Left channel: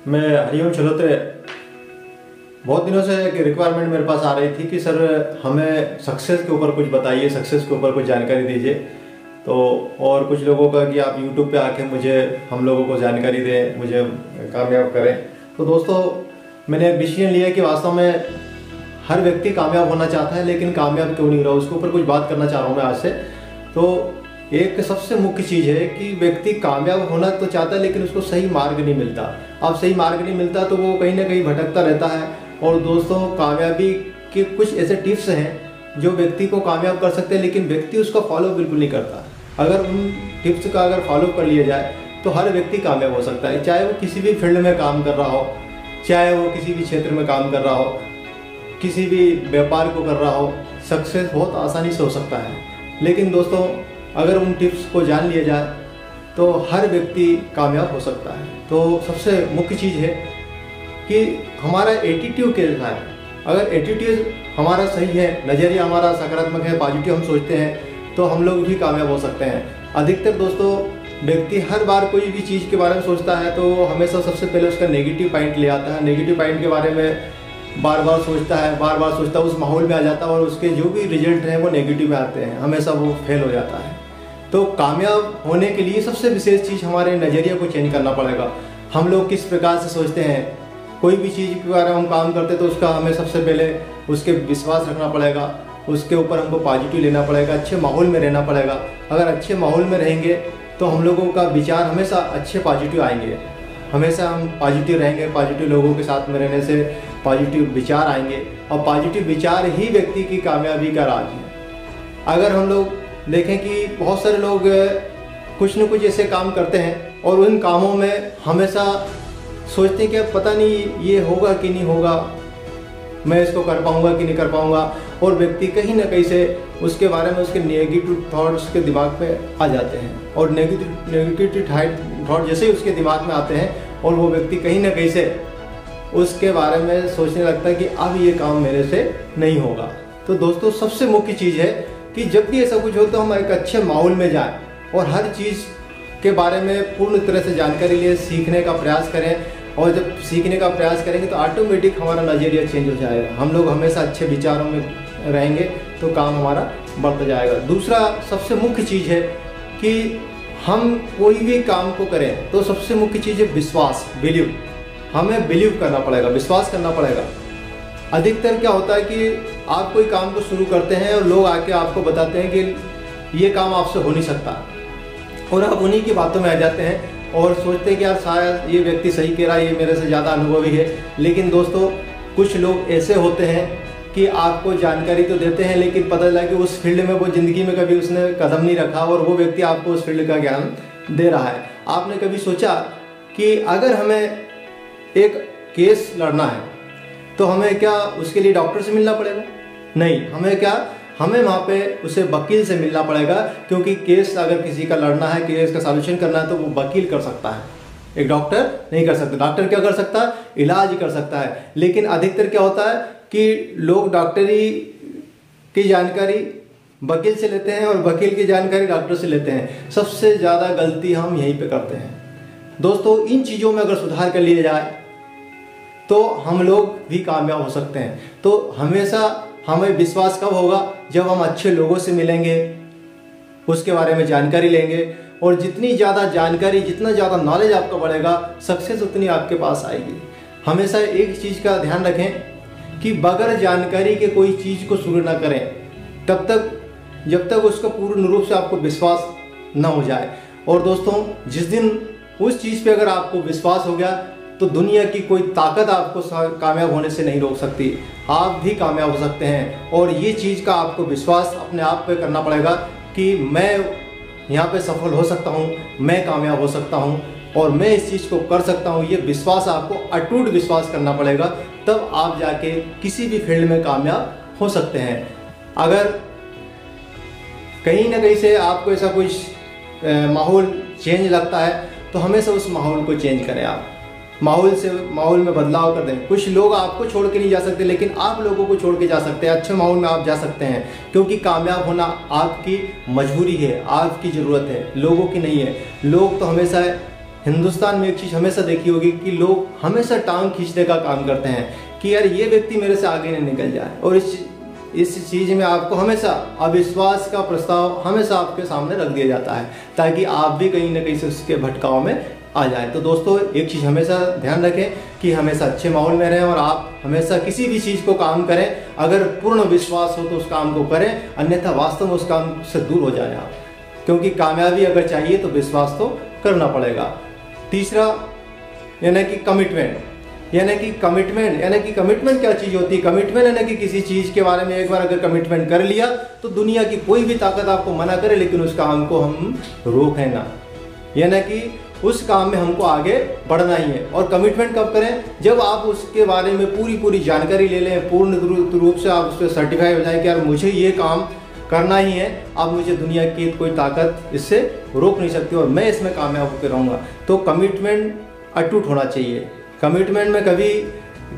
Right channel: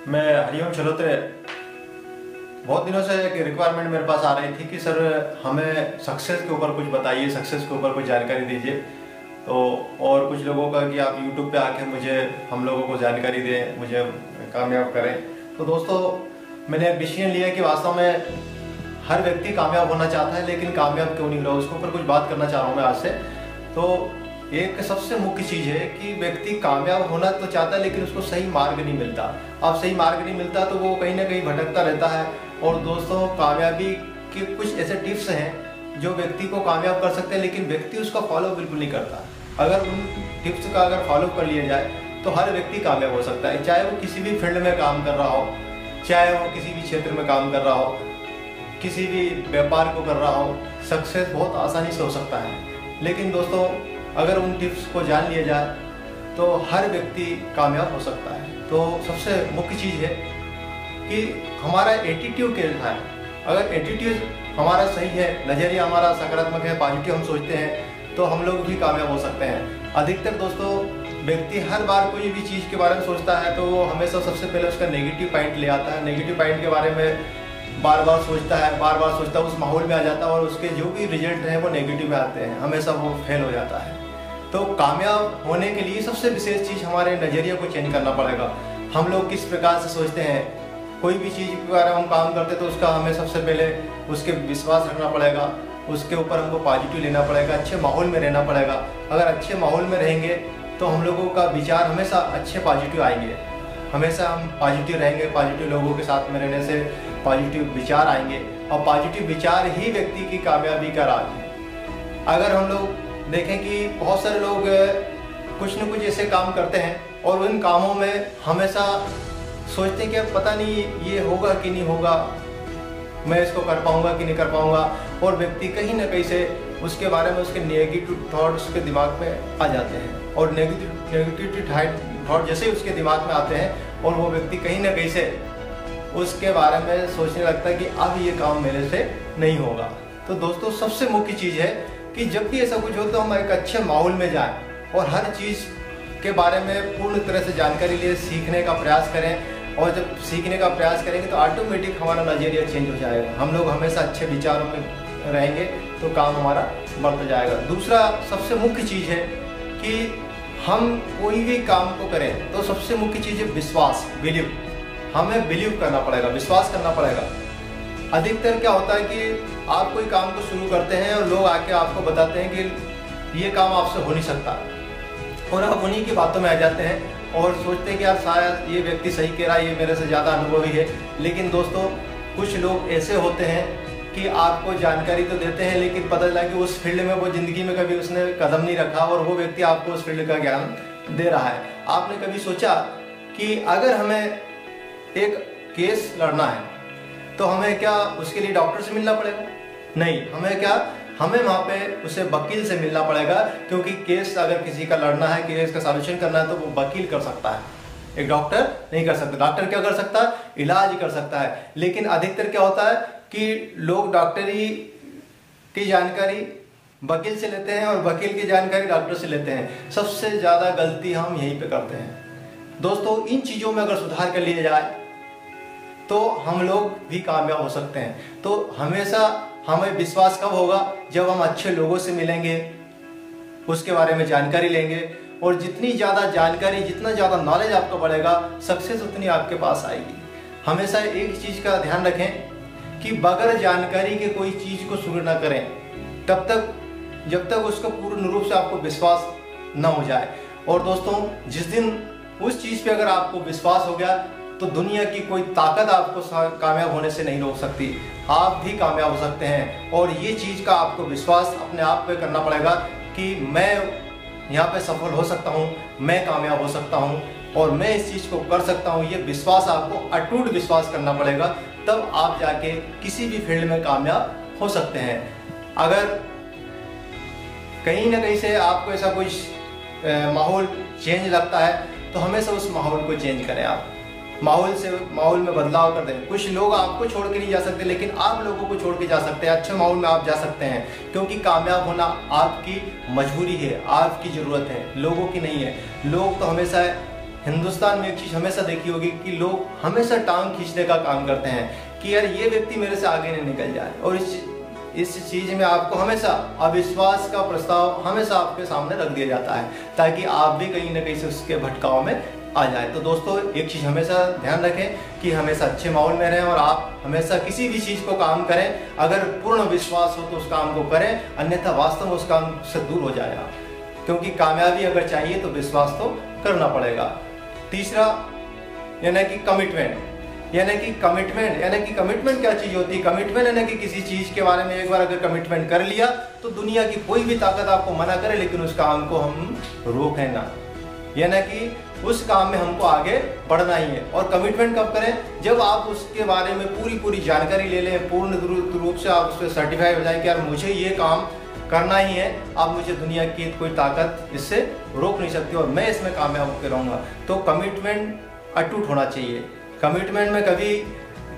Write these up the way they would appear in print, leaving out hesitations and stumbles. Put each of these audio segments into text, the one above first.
मैं हरिओम चलोत्रे। बहुत दिनों से एक रिक्वायरमेंट मेरे पास आ रही थी कि सर हमें सक्सेस के ऊपर कुछ बताइए, सक्सेस के ऊपर कुछ जानकारी दीजिए। तो और कुछ लोगों का कि आप यूट्यूब पे आके हम लोगों को जानकारी दें, मुझे कामयाब करें। तो दोस्तों, मैंने डिसीजन लिया कि वास्तव में हर व्यक्ति कामयाब होना चाहता है, लेकिन कामयाब क्यों नहीं रहा, उसके ऊपर कुछ बात करना चाह रहा हूँ मैं आज से। तो एक सबसे मुख्य चीज है कि व्यक्ति कामयाब होना तो चाहता है, लेकिन उसको सही मार्ग नहीं मिलता। अब सही मार्ग नहीं मिलता तो वो कहीं ना कहीं भटकता रहता है। और दोस्तों, कामयाबी के कुछ ऐसे टिप्स हैं जो व्यक्ति को कामयाब कर सकते हैं, लेकिन व्यक्ति उसको फॉलो बिल्कुल नहीं करता। अगर उन टिप्स का अगर फॉलो कर लिया जाए तो हर व्यक्ति कामयाब हो सकता है, चाहे वो किसी भी फील्ड में काम कर रहा हो, चाहे वो किसी भी क्षेत्र में काम कर रहा हो, किसी भी व्यापार को कर रहा हो। सक्सेस बहुत आसानी से हो सकता है। लेकिन दोस्तों, अगर उन टिप्स को जान लिया जाए तो हर व्यक्ति कामयाब हो सकता है। तो सबसे मुख्य चीज है कि हमारा एटीट्यूड कैसा है। अगर एटीट्यूड हमारा सही है, नजरिया हमारा सकारात्मक है, पॉजिटिव हम सोचते हैं, तो हम लोग भी कामयाब हो सकते हैं। अधिकतर दोस्तों, व्यक्ति हर बार कोई भी चीज के बारे में सोचता है तो हमेशा सबसे पहले उसका नेगेटिव पॉइंट ले आता है। नेगेटिव पॉइंट के बारे में बार बार सोचता है, उस माहौल में आ जाता है और उसके जो भी रिजल्ट हैं वो नेगेटिव में आते हैं, हमेशा वो फेल हो जाता है। तो कामयाब होने के लिए सबसे विशेष चीज हमारे नजरिया को चेंज करना पड़ेगा। हम लोग किस प्रकार से सोचते हैं, कोई भी चीज के बारे में हम काम करते हैं तो उसका हमें सबसे पहले उसके विश्वास रखना पड़ेगा, उसके ऊपर हमको पॉजिटिव लेना पड़ेगा, अच्छे माहौल में रहना पड़ेगा। अगर अच्छे माहौल में रहेंगे तो हम लोगों का विचार हमेशा अच्छे पॉजिटिव आएंगे, हमेशा हम पॉजिटिव रहेंगे। पॉजिटिव लोगों के साथ में रहने से पॉजिटिव विचार आएंगे और पॉजिटिव विचार ही व्यक्ति की कामयाबी का राज है। अगर हम लोग देखें कि बहुत सारे लोग कुछ न कुछ ऐसे काम करते हैं और उन कामों में हमेशा सोचते हैं कि पता नहीं ये होगा कि नहीं होगा, मैं इसको कर पाऊंगा कि नहीं कर पाऊंगा। और व्यक्ति कहीं ना कहीं से उसके बारे में उसके नेगेटिव थॉट्स के दिमाग में आ जाते हैं और नेगेटिव थॉट जैसे ही उसके दिमाग में आते हैं और वो व्यक्ति कहीं ना कहीं से उसके बारे में सोचने लगता है कि अब ये काम मेरे से नहीं होगा। तो दोस्तों, सबसे मुख्य चीज है कि जब भी ऐसा कुछ हो तो हम एक अच्छे माहौल में जाएं और हर चीज के बारे में पूर्ण तरह से जानकारी लिए सीखने का प्रयास करें। और जब सीखने का प्रयास करेंगे तो ऑटोमेटिक हमारा नजरिया चेंज हो जाएगा। हम लोग हमेशा अच्छे विचारों में रहेंगे तो काम हमारा बढ़ता जाएगा। दूसरा सबसे मुख्य चीज है कि हम कोई भी काम को करें तो सबसे मुख्य चीज है विश्वास, बिलीव। हमें बिलीव करना पड़ेगा, विश्वास करना पड़ेगा। अधिकतर क्या होता है कि आप कोई काम को शुरू करते हैं और लोग आके आपको बताते हैं कि ये काम आपसे हो नहीं सकता, और आप उन्हीं की बातों में आ जाते हैं और सोचते हैं कि यार शायद ये व्यक्ति सही कह रहा है, ये मेरे से ज्यादा अनुभवी है। लेकिन दोस्तों, कुछ लोग ऐसे होते हैं कि आपको जानकारी तो देते हैं, लेकिन पता चला कि उस फील्ड में वो जिंदगी में कभी उसने कदम नहीं रखा और वो व्यक्ति आपको उस फील्ड का ज्ञान दे रहा है। आपने कभी सोचा कि अगर हमें एक केस लड़ना है तो हमें क्या उसके लिए डॉक्टर से मिलना पड़ेगा? नहीं, हमें वहां पे उसे वकील से मिलना पड़ेगा, क्योंकि केस अगर किसी का लड़ना है, केस का सॉल्यूशन करना है तो वो वकील कर सकता है, एक डॉक्टर नहीं कर सकता। डॉक्टर क्या कर सकता है? इलाज कर सकता है। लेकिन अधिकतर क्या होता है कि लोग डॉक्टरी की जानकारी वकील से लेते हैं और वकील की जानकारी डॉक्टर से लेते हैं। सबसे ज्यादा गलती हम यहीं पे करते हैं। दोस्तों, इन चीजों में अगर सुधार कर लिया जाए तो हम लोग भी कामयाब हो सकते हैं। तो हमेशा हमें विश्वास कब होगा? जब हम अच्छे लोगों से मिलेंगे, उसके बारे में जानकारी लेंगे, और जितनी ज्यादा जानकारी, जितना ज्यादा नॉलेज आपका बढ़ेगा, सक्सेस उतनी आपके पास आएगी। हमेशा एक चीज का ध्यान रखें कि बगैर जानकारी के कोई चीज को शुरू ना करें तब तक जब तक उसका पूर्ण रूप से आपको विश्वास न हो जाए। और दोस्तों, जिस दिन उस चीज पे अगर आपको विश्वास हो गया तो दुनिया की कोई ताकत आपको कामयाब होने से नहीं रोक सकती। आप भी कामयाब हो सकते हैं। और ये चीज का आपको विश्वास अपने आप पे करना पड़ेगा कि मैं यहाँ पे सफल हो सकता हूँ, मैं कामयाब हो सकता हूँ और मैं इस चीज को कर सकता हूँ। ये विश्वास आपको अटूट विश्वास करना पड़ेगा, तब आप जाके किसी भी फील्ड में कामयाब हो सकते हैं। अगर कहीं ना कहीं से आपको ऐसा कुछ माहौल चेंज लगता है तो हमेशा उस माहौल को चेंज करें। आप माहौल में बदलाव कर दें। कुछ लोग आपको छोड़ के नहीं जा सकते, लेकिन आप लोगों को छोड़ के जा सकते हैं। अच्छे माहौल में आप जा सकते हैं, क्योंकि कामयाब होना आपकी मजबूरी है, आपकी जरूरत है, लोगों की नहीं है। लोग तो हमेशा हिंदुस्तान में एक चीज हमेशा देखी होगी कि लोग हमेशा टांग खींचने का काम करते हैं कि यार ये व्यक्ति मेरे से आगे नहीं निकल जाए, और इस चीज में आपको हमेशा अविश्वास का प्रस्ताव हमेशा आपके सामने रख दिया जाता है ताकि आप भी कहीं ना कहीं से उसके भटकाव में आ जाए। तो दोस्तों एक चीज हमेशा ध्यान रखें कि हमेशा अच्छे माहौल में रहें और आप हमेशा किसी भी चीज को काम करें, अगर पूर्ण विश्वास हो तो उस काम को करें, अन्यथा वास्तव में उस काम से दूर हो जाए आप, क्योंकि कामयाबी अगर चाहिए तो विश्वास तो करना पड़ेगा। तीसरा यानी कि कमिटमेंट, यानी कि कमिटमेंट क्या चीज होती है? कमिटमेंट यानी कि किसी चीज के बारे में एक बार अगर कमिटमेंट कर लिया तो दुनिया की कोई भी ताकत आपको मना करे लेकिन उस काम को हम रोकें ना, यानी कि उस काम में हमको आगे बढ़ना ही है। और कमिटमेंट कब करें? जब आप उसके बारे में पूरी जानकारी ले लें, पूर्ण रूप से आप उससे सर्टिफाइड हो जाए कि यार मुझे ये काम करना ही है, अब मुझे दुनिया की कोई ताकत इससे रोक नहीं सकती और मैं इसमें कामयाब होकर रहूंगा। तो कमिटमेंट अटूट होना चाहिए। कमिटमेंट में कभी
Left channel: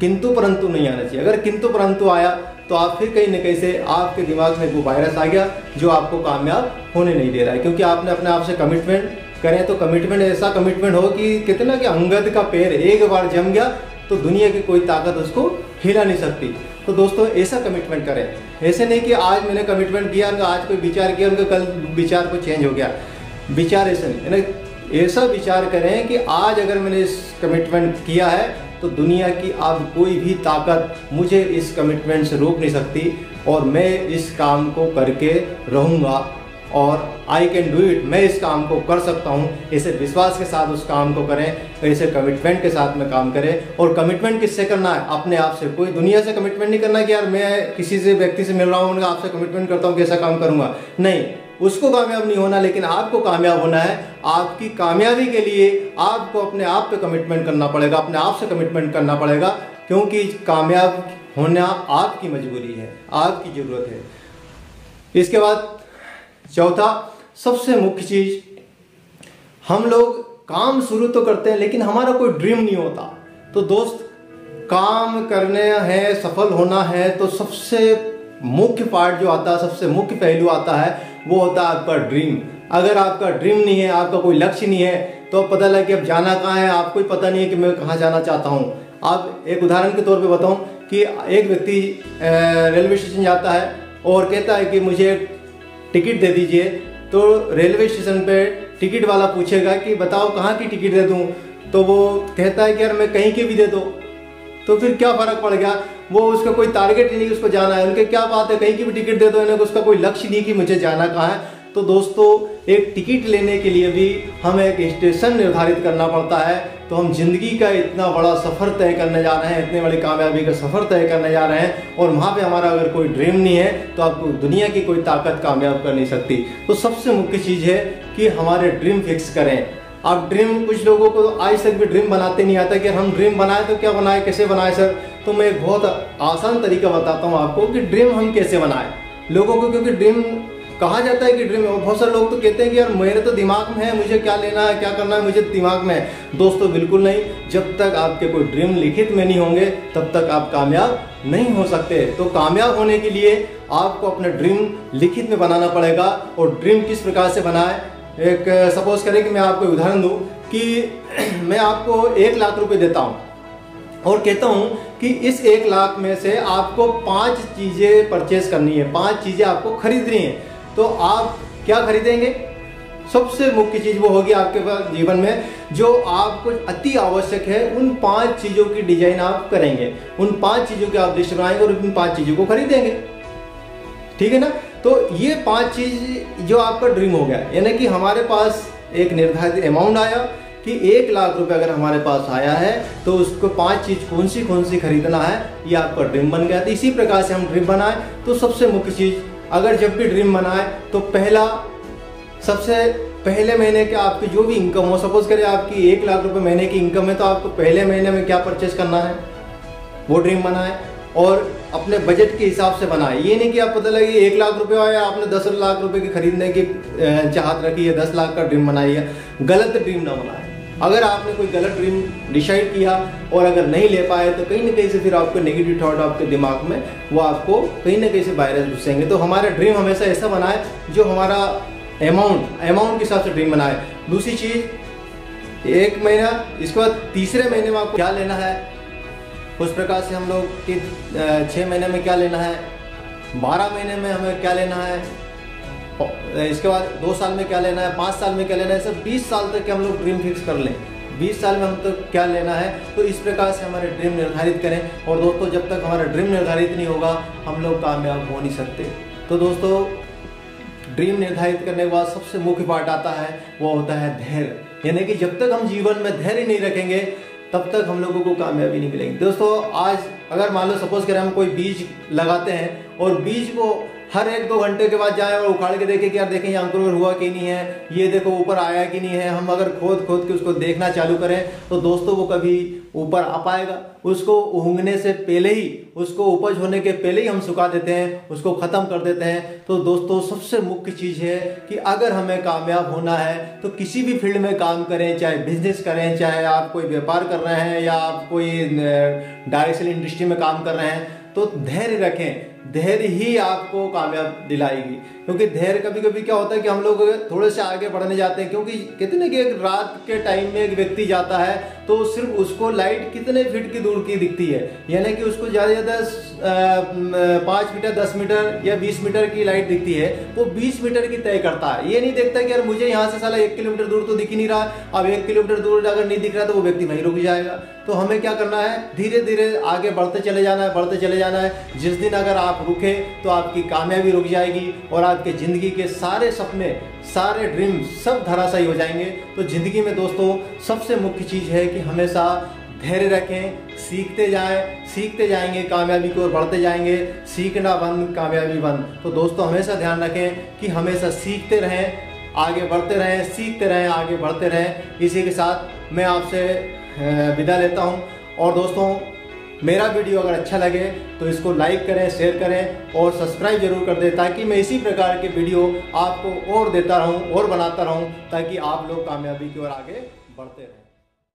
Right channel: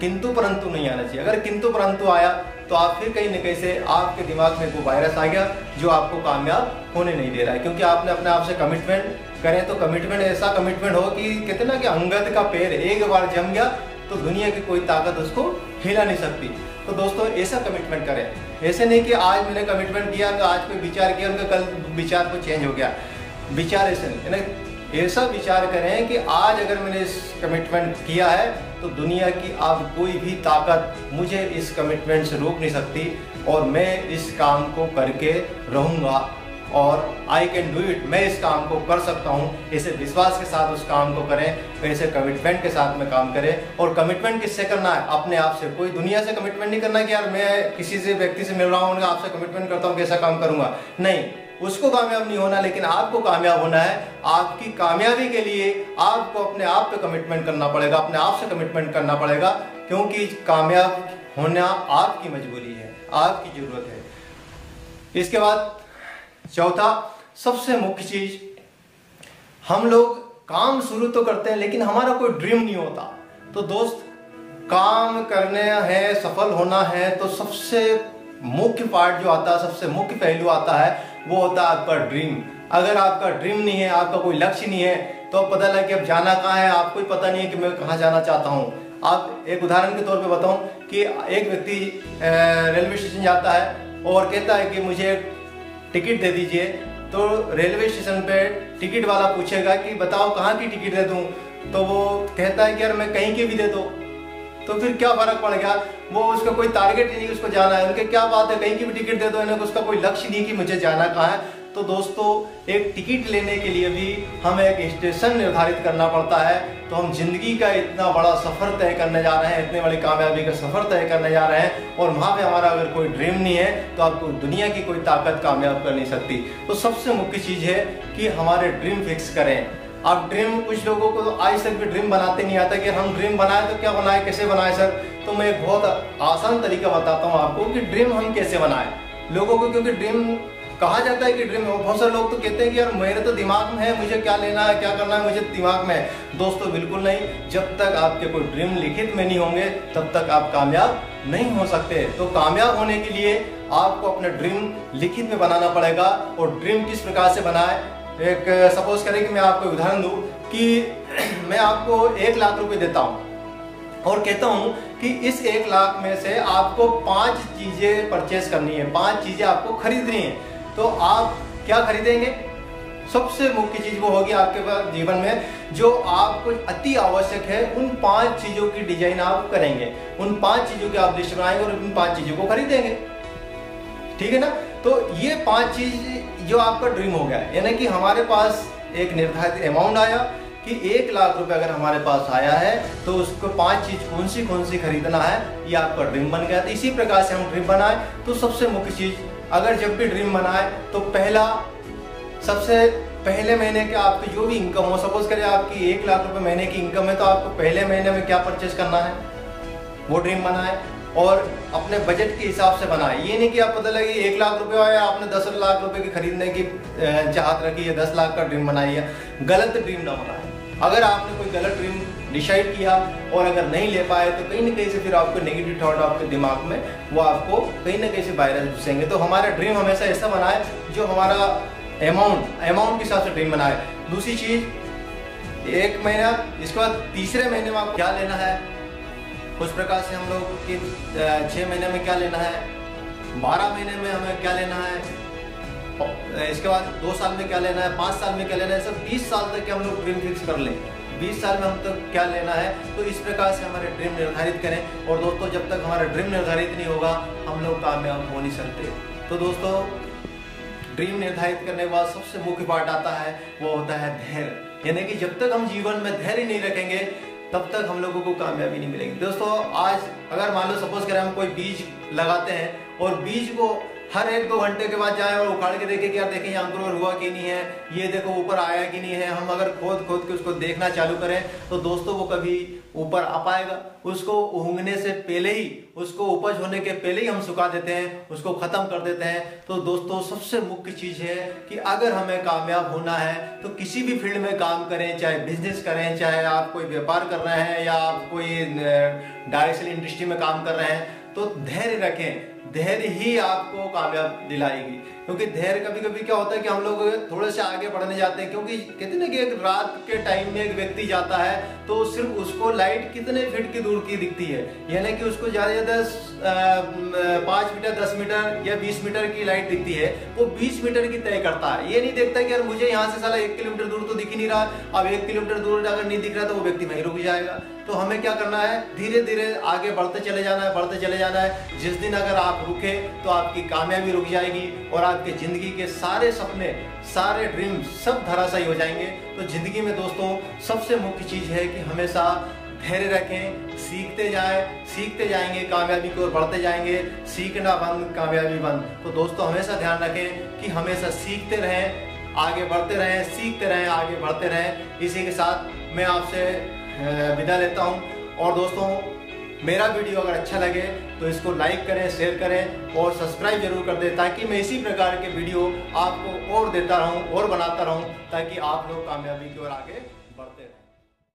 किंतु परंतु नहीं आना चाहिए। अगर किंतु परंतु आया तो आप फिर कहीं न कहीं से आपके दिमाग में वो वायरस आ गया जो आपको कामयाब होने नहीं दे रहा है, क्योंकि आपने अपने आप से कमिटमेंट करें तो कमिटमेंट ऐसा कमिटमेंट हो कि कितना कि अंगद का पैर एक बार जम गया तो दुनिया की कोई ताकत उसको हिला नहीं सकती। तो दोस्तों ऐसा कमिटमेंट करें, ऐसे नहीं कि आज मैंने कमिटमेंट किया, आज कोई विचार किया तो कल विचार को चेंज हो गया। विचार ऐसा नहीं, ऐसा विचार करें कि आज अगर मैंने इस कमिटमेंट किया है तो दुनिया की अब कोई भी ताकत मुझे इस कमिटमेंट से रोक नहीं सकती और मैं इस काम को करके रहूंगा और आई कैन डू इट, मैं इस काम को कर सकता हूँ। ऐसे विश्वास के साथ उस काम को करें, ऐसे कमिटमेंट के साथ में काम करें। और कमिटमेंट किससे करना है? अपने आप से। कोई दुनिया से कमिटमेंट नहीं करना कि यार मैं किसी से व्यक्ति से मिल रहा हूँ, आपसे कमिटमेंट करता हूँ कि ऐसा काम करूंगा, नहीं, उसको कामयाब नहीं होना, लेकिन आपको कामयाब होना है। आपकी कामयाबी के लिए आपको अपने आप पे कमिटमेंट करना पड़ेगा, अपने आप से कमिटमेंट करना पड़ेगा, क्योंकि कामयाब होना आपकी मजबूरी है, आपकी जरूरत है। इसके बाद चौथा सबसे मुख्य चीज, हम लोग काम शुरू तो करते हैं लेकिन हमारा कोई ड्रीम नहीं होता। तो दोस्त काम करने हैं, सफल होना है तो सबसे मुख्य पार्ट जो आता है, सबसे मुख्य पहलू आता है वो होता है आपका ड्रीम। अगर आपका ड्रीम नहीं है, आपका कोई लक्ष्य नहीं है तो पता लगे कि अब जाना कहाँ है, आपको ही पता नहीं है कि मैं कहाँ जाना चाहता हूँ। आप एक उदाहरण के तौर पे बताऊं कि एक व्यक्ति रेलवे स्टेशन जाता है और कहता है कि मुझे टिकट दे दीजिए, तो रेलवे स्टेशन पे टिकट वाला पूछेगा कि बताओ कहाँ की टिकट दे दूं, तो वो कहता है कि यार मैं कहीं की भी दे दो। तो फिर क्या फर्क पड़ गया? वो उसका कोई टारगेट ही नहीं, उसको जाना है, उनके क्या बात है, कहीं की भी टिकट दे दो, उसका कोई लक्ष्य नहीं कि मुझे जाना कहाँ है। तो दोस्तों एक टिकट लेने के लिए भी हमें एक स्टेशन निर्धारित करना पड़ता है। तो हम जिंदगी का इतना बड़ा सफर तय करने जा रहे हैं, इतने बड़ी कामयाबी का सफर तय करने जा रहे हैं, और वहां पे हमारा अगर कोई ड्रीम नहीं है तो आपको दुनिया की कोई ताकत कामयाब कर नहीं सकती। तो सबसे मुख्य चीज है कि हमारे ड्रीम फिक्स करें। अब ड्रीम, कुछ लोगों को आज तक भी ड्रीम बनाते नहीं आता कि हम ड्रीम बनाए तो क्या बनाए, कैसे बनाए सर? तो मैं एक बहुत आसान तरीका बताता हूँ आपको कि ड्रीम हम कैसे बनाए लोगों को, क्योंकि ड्रीम कहा जाता है कि ड्रीम, बहुत सारे लोग तो कहते हैं कि यार मेरे तो दिमाग में है, मुझे क्या लेना है, क्या करना है, मुझे दिमाग में है। दोस्तों बिल्कुल नहीं, जब तक आपके कोई ड्रीम लिखित में नहीं होंगे तब तक आप कामयाब नहीं हो सकते। तो कामयाब होने के लिए आपको अपना ड्रीम लिखित में बनाना पड़ेगा। और ड्रीम किस प्रकार से बनाए? एक सपोज करें कि मैं आपको उदाहरण दूं कि मैं आपको 1 लाख रुपए देता हूं और कहता हूं कि इस 1 लाख में से आपको 5 चीजें परचेज करनी है, 5 चीजें आपको खरीदनी है। तो आप क्या खरीदेंगे? सबसे मुख्य चीज वो होगी आपके पास जीवन में जो आपको अति आवश्यक है, उन 5 चीजों की डिजाइन आप करेंगे, उन 5 चीजों की आप लिस्ट बनाएंगे और उन 5 चीजों को खरीदेंगे। ठीक है ना? तो ये 5 चीज जो आपका ड्रीम हो गया, यानी कि हमारे पास एक निर्धारित अमाउंट आया कि 1 लाख रुपए अगर हमारे पास आया है तो उसको 5 चीज कौन सी खरीदना है, ये आपका ड्रीम बन गया। तो इसी प्रकार से हम ड्रीम बनाए तो सबसे मुख्य चीज, अगर जब भी ड्रीम बनाए तो सबसे पहले महीने के आपकी जो भी इनकम हो, सपोज करें आपकी 1 लाख रुपए महीने की इनकम है, तो आपको पहले महीने में क्या परचेस करना है वो ड्रीम बनाए और अपने बजट के हिसाब से बनाए। ये नहीं कि आप पता लगे 1 लाख रुपए आया, आपने 10 लाख रुपए की खरीदने की चाहत रखी है, 10 लाख का ड्रीम बनाई है। गलत ड्रीम ना बनाए। अगर आपने कोई गलत ड्रीम डिसाइड किया और अगर नहीं ले पाए तो कहीं ना कहीं से फिर आपको नेगेटिव थॉट आपके दिमाग में वो आपको कहीं ना कहीं से वायरस घुसेंगे। तो हमारा ड्रीम हमेशा ऐसा बनाए जो हमारा अमाउंट के हिसाब से ड्रीम बनाए। दूसरी चीज, 1 महीना, इसके बाद तीसरे महीने में आपको क्या लेना है, उस प्रकार से हम लोग कि 6 महीने में क्या लेना है, 12 महीने में हमें क्या लेना है, इसके बाद 2 साल में क्या लेना है, 5 साल में क्या लेना है, सब 20 साल तक के हम लोग ड्रीम फिक्स कर लें। 20 साल में हम तक क्या लेना है, तो इस प्रकार से हमारे ड्रीम निर्धारित करें। और दोस्तों, जब तक हमारा ड्रीम निर्धारित नहीं होगा हम लोग कामयाब हो नहीं सकते। तो दोस्तों, ड्रीम निर्धारित करने के बाद सबसे मुख्य पार्ट आता है, वो होता है धैर्य। यानी कि जब तक हम जीवन में धैर्य नहीं रखेंगे तब तक हम लोगों को कामयाबी नहीं मिलेगी। दोस्तों, आज अगर मान लो सपोज करें हम कोई बीज लगाते हैं और बीज को हर 1-2 घंटे के बाद जाए और उखाड़ के देखें कि यार देखें ये अंकुर हुआ कि नहीं है, ये देखो ऊपर आया कि नहीं है, हम अगर खोद खोद के उसको देखना चालू करें तो दोस्तों वो कभी ऊपर आ पाएगा। उसको उगने से पहले ही, उसको उपज होने के पहले ही हम सुखा देते हैं, उसको खत्म कर देते हैं। तो दोस्तों, सबसे मुख्य चीज है कि अगर हमें कामयाब होना है तो किसी भी फील्ड में काम करें, चाहे बिजनेस करें, चाहे आप कोई व्यापार कर रहे हैं या आप कोई डायरेक्शन इंडस्ट्री में काम कर रहे हैं, तो धैर्य रखें। धैर्य ही आपको कामयाब दिलाएगी। क्योंकि धैर्य कभी कभी क्या होता है कि हम लोग थोड़े से आगे बढ़ने जाते हैं, क्योंकि कहते ना कि एक रात के टाइम में एक व्यक्ति जाता है तो सिर्फ उसको लाइट कितने फीट की दूर की दिखती है, यानी कि उसको ज्यादा से ज्यादा 5 मीटर, 10 मीटर या 20 मीटर की लाइट दिखती है, वो 20 मीटर की तय करता है। ये नहीं देखता कि यार मुझे यहाँ से साला 1 किलोमीटर दूर तो दिख ही नहीं रहा, अब 1 किलोमीटर दूर अगर नहीं दिख रहा तो वो व्यक्ति वहीं रुक जाएगा। तो हमें क्या करना है, धीरे धीरे आगे बढ़ते चले जाना है, बढ़ते चले जाना है। जिस दिन अगर आप रुके तो आपकी कामयाबी रुक जाएगी और आपके जिंदगी के सारे सपने, सारे ड्रीम सब धराशायी हो जाएंगे। तो जिंदगी में दोस्तों सबसे मुख्य चीज है कि हमेशा धैर्य रखें, सीखते जाएंगे, कामयाबी की ओर बढ़ते जाएंगे। सीखना बंद, कामयाबी बंद। तो दोस्तों, हमेशा ध्यान रखें कि हमेशा सीखते रहें, आगे बढ़ते रहें, सीखते रहें, आगे बढ़ते रहें। इसी के साथ मैं आपसे विदा लेता हूं। और दोस्तों, मेरा वीडियो अगर अच्छा लगे तो इसको लाइक करें, शेयर करें और सब्सक्राइब जरूर कर दें, ताकि मैं इसी प्रकार के वीडियो आपको और देता रहूं और बनाता रहूं, ताकि आप लोग कामयाबी की ओर आगे बढ़ते रहें।